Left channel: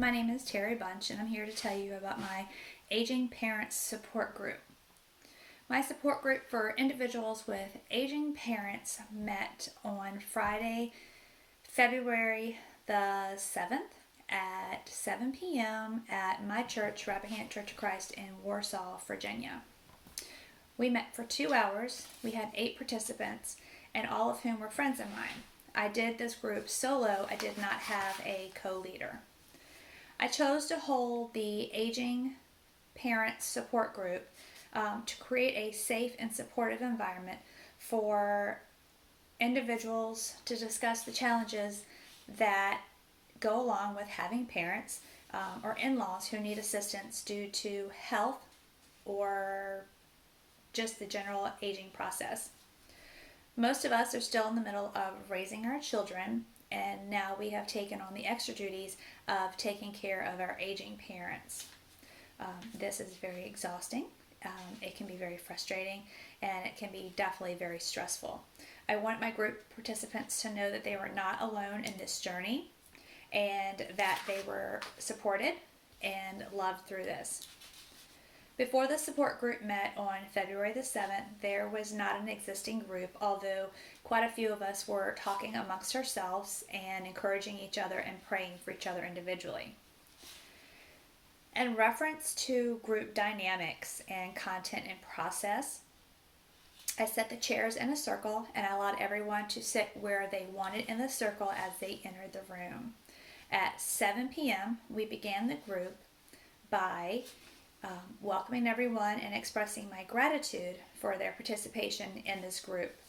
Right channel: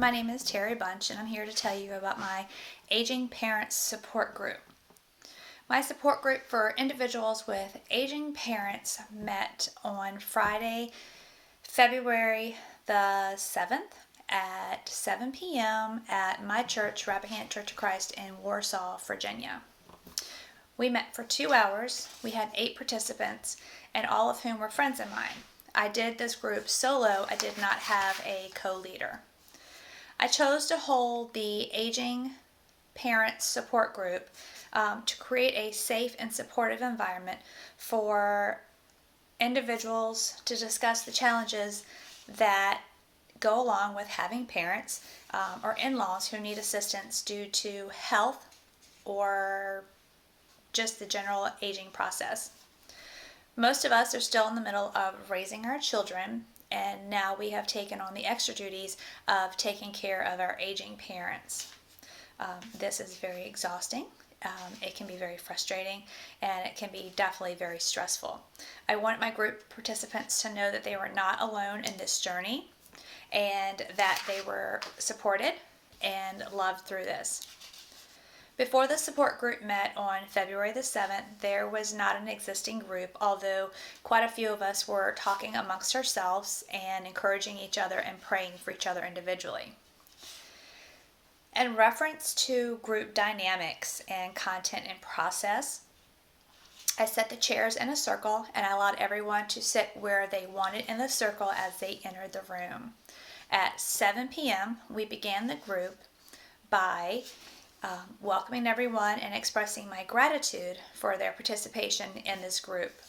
My name is Terry Bunch, and I'm here to tell you about my Aging Parents Support Group. My support group for individuals with aging parents met on Friday, February the 7th at 7 p.m. at my church, Rappahannock Church of Christ in Warsaw, Virginia. We met for 2 hours. We had 8 participants, and all of whom were friends of mine. I did this group solo. I did not have a co-leader. I chose to hold the Aging Parents Support Group to create a safe and supportive environment for individuals to discuss the challenges that go along with having parents or in-laws who need assistance due to health or just the general aging process. Most of us are still in the middle of raising our children, and now we have taken on the extra duties of taking care of our aging parents. This is very exhausting. It can be very frustrating, and it can be definitely very stressful. I want my group participants to know that they were not alone in this journey and that they were supported and loved through this. Before the support group met on February the 7th, there was not an existing group, although quite a few of us were talking amongst ourselves and encouraging each other and praying for each other individually. In reference to group dynamics and content and process, I set the chairs in a circle and I allowed everyone to sit where they wanted in the circle as they entered the room. At 7 p.m., we began the group by welcoming everyone and expressing my gratitude for their participation in this group.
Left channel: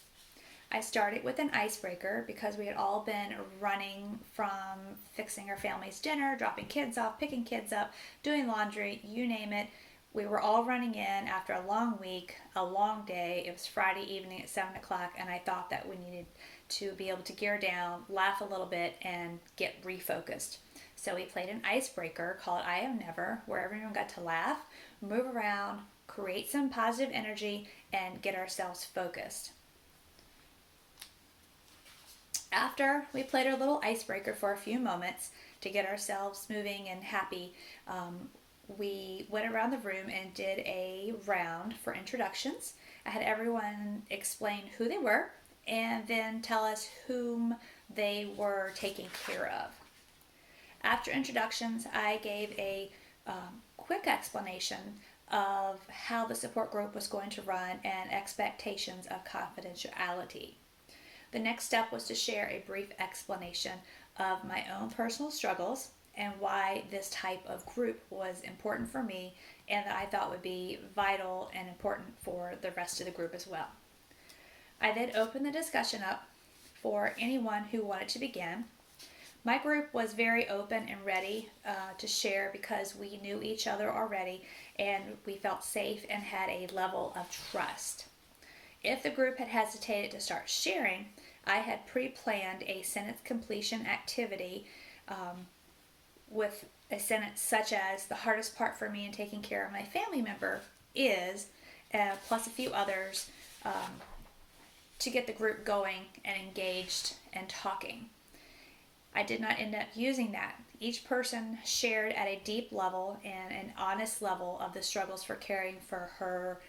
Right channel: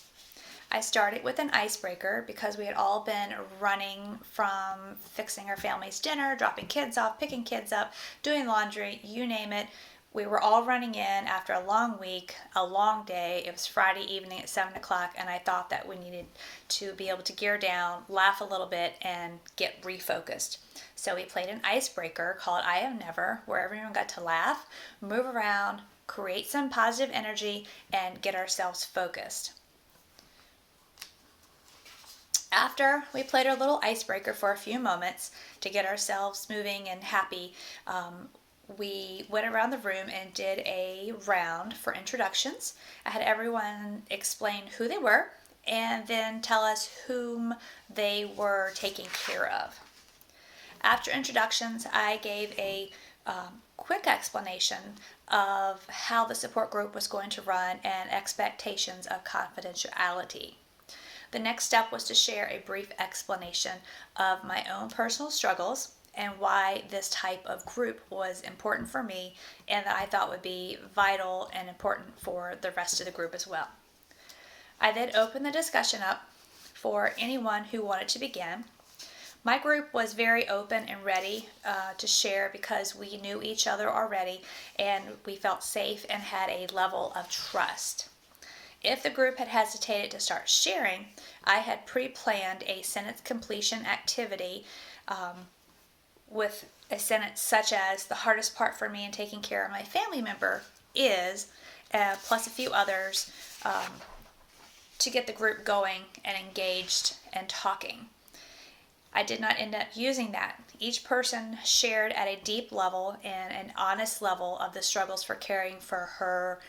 I started with an icebreaker because we had all been running from fixing our family's dinner, dropping kids off, picking kids up, doing laundry, you name it. We were all running in after a long week, a long day. It was Friday evening at 7 o'clock, and I thought that we needed to be able to gear down, laugh a little bit, and get refocused. So we played an icebreaker called I Have Never, where everyone got to laugh, move around, create some positive energy, and get ourselves focused. After we played our little icebreaker for a few moments to get ourselves moving and happy, we went around the room and did a round for introductions. I had everyone explain who they were and then tell us whom they were taking care of. After introductions, I gave a quick explanation of how the support group was going to run and expectations of confidentiality. The next step was to share a brief explanation of my own personal struggles and why this type of group was important for me and that I thought would be vital and important for the rest of the group as well. I then opened the discussion up for anyone who wanted to begin. My group was very open and ready to share because we knew each other already and we felt safe and had a level of trust. If the group had hesitated to start sharing, I had pre-planned a sentence completion activity with a sentence such as, the hardest part for me in taking care of my family member is, plus a few others to get the group going and engaged and talking. I did not end up using that. Each person shared at a deep level and an honest level of the struggles for caring for her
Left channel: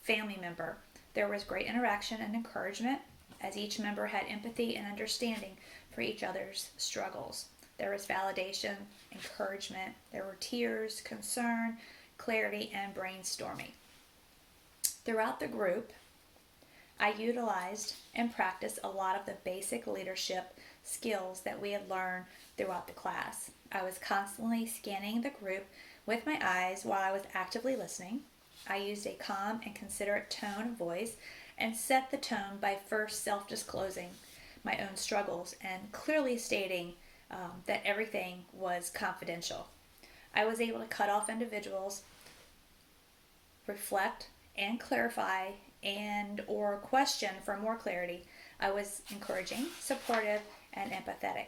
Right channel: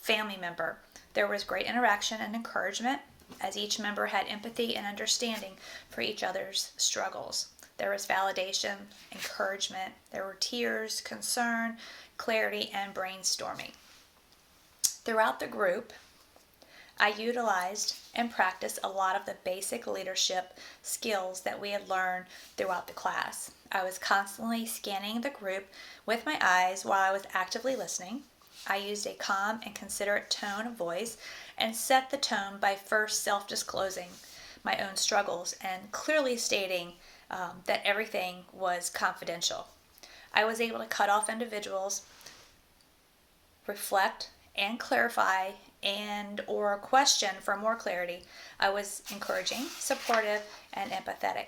family member. There was great interaction and encouragement as each member had empathy and understanding for each other's struggles. There was validation, encouragement, there were tears, concern, clarity, and brainstorming. Throughout the group, I utilized and practiced a lot of the basic leadership skills that we had learned throughout the class. I was constantly scanning the group with my eyes while I was actively listening. I used a calm and considerate tone of voice and set the tone by first self-disclosing my own struggles and clearly stating that everything was confidential. I was able to cut off individuals, reflect and clarify and or question for more clarity. I was encouraging, supportive, and empathetic.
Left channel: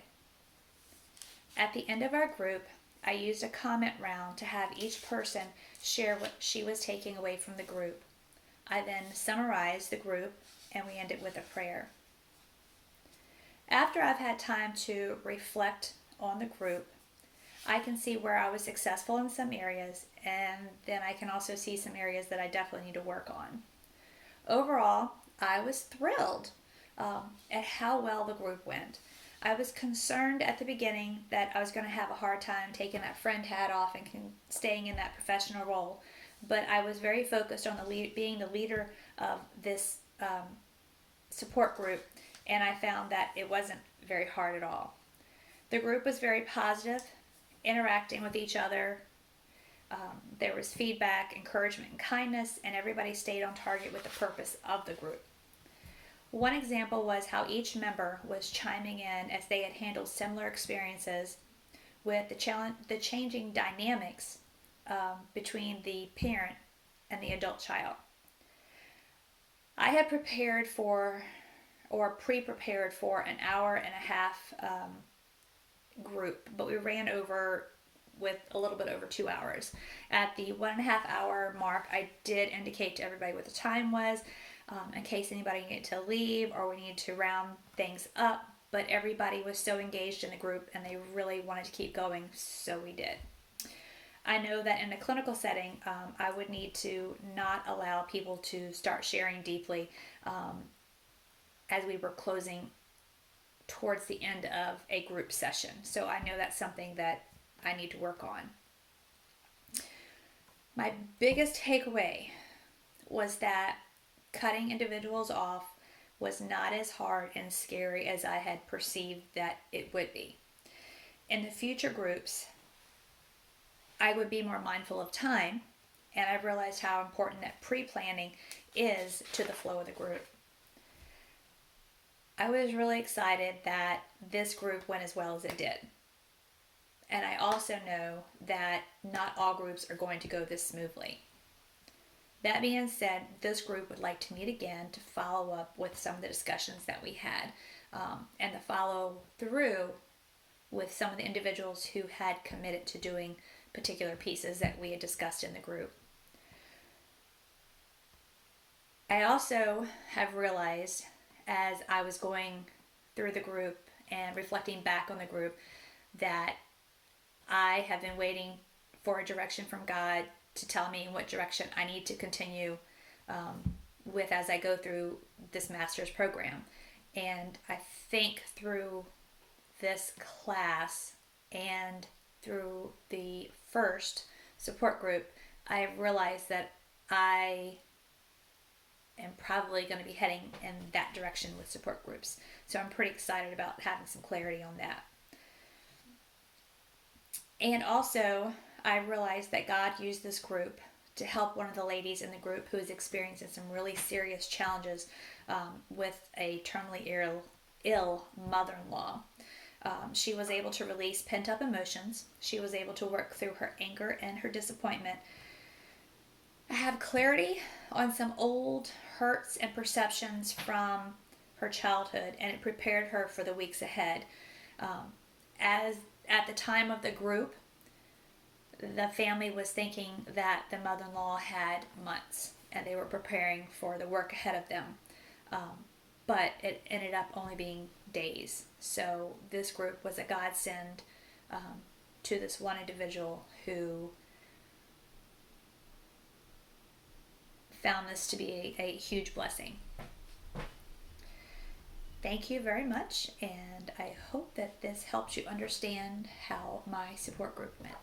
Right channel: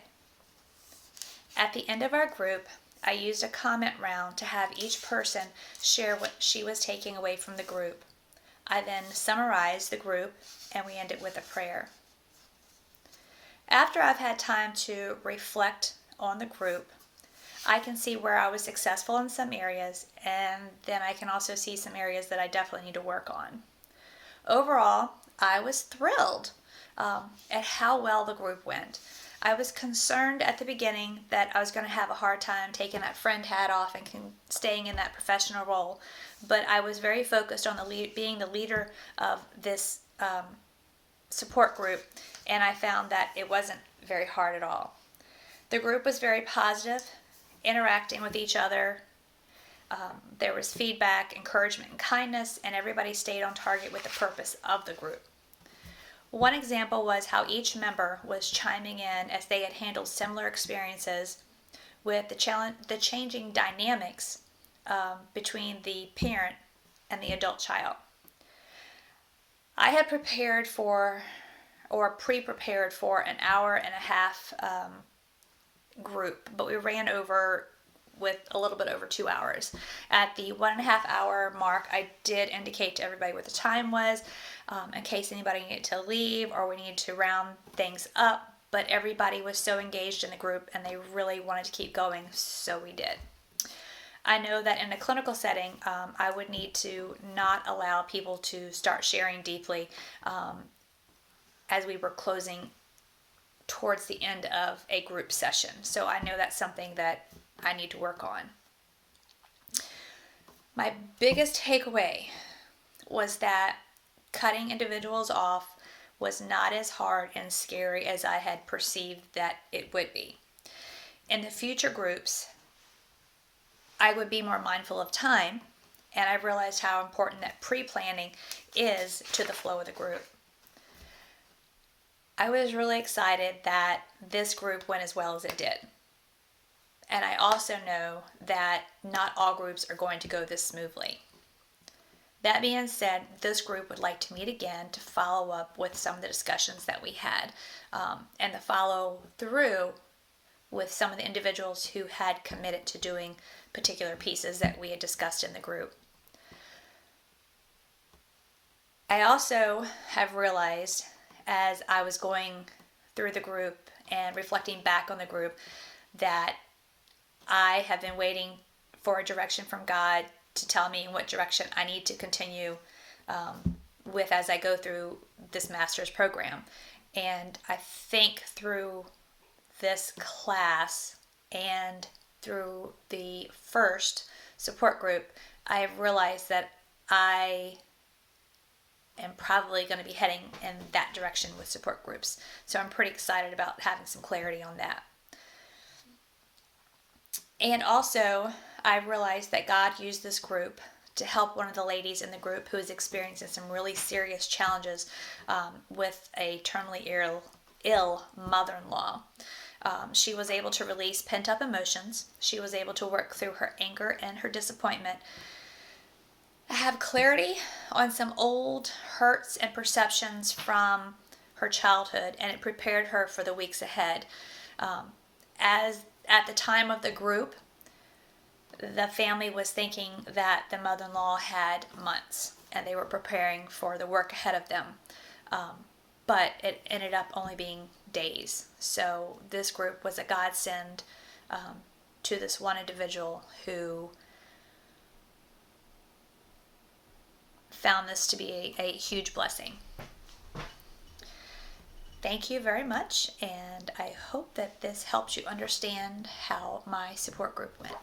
At the end of our group, I used a comment round to have each person share what she was taking away from the group. I then summarized the group and we ended with a prayer. After I've had time to reflect on the group, I can see where I was successful in some areas, and then I can also see some areas that I definitely need to work on. Overall, I was thrilled at how well the group went. I was concerned at the beginning that I was going to have a hard time taking that friend hat off and staying in that professional role, but I was very focused on being the leader of this support group, and I found that it wasn't very hard at all. The group was very positive, interacting with each other. There was feedback, encouragement, and kindness, and everybody stayed on target with the purpose of the group. One example was how each member was chiming in as they had handled similar experiences with the changing dynamics between the parent and the adult child. I had prepared for or pre-prepared for an hour and a half group, but we ran over with a little bit over 2 hours. At the 1.5 hour mark, I did indicate to everybody what the time was in case anybody needed to leave or we needed to round things up, but everybody was so engaged in the group and they really wanted to keep going, so we did. I know that in a clinical setting, I would need to not allow people to start sharing deeply as we were closing towards the end of a group session. So I know that's something that I need to work on. My biggest takeaway was that cutting individuals off was not as hard and scary as I had perceived that it would be. In the future groups, I would be more mindful of time, and I realized how important that pre-planning is to the flow of the group. I was really excited that this group went as well as it did. And I also know that not all groups are going to go this smoothly. That being said, this group would like to meet again to follow up with some of the discussions that we had and to follow through with some of the individuals who had committed to doing particular pieces that we had discussed in the group. I also have realized as I was going through the group and reflecting back on the group that I have been waiting for a direction from God to tell me in what direction I need to continue with as I go through this master's program. And I think through this class and through the first support group, I have realized that I am probably going to be heading in that direction with support groups. So I'm pretty excited about having some clarity on that. And also, I realized that God used this group to help one of the ladies in the group who is experiencing some really serious challenges with a terminally ill mother-in-law. She was able to release pent-up emotions. She was able to work through her anger and her disappointment, have clarity on some old hurts and perceptions from her childhood, and it prepared her for the weeks ahead. As at the time of the group, the family was thinking that the mother-in-law had months, and they were preparing for the work ahead of them. But it ended up only being days. So this group was a godsend to this one individual who found this to be a huge blessing. Thank you very much, and I hope that this helps you understand how my support group went.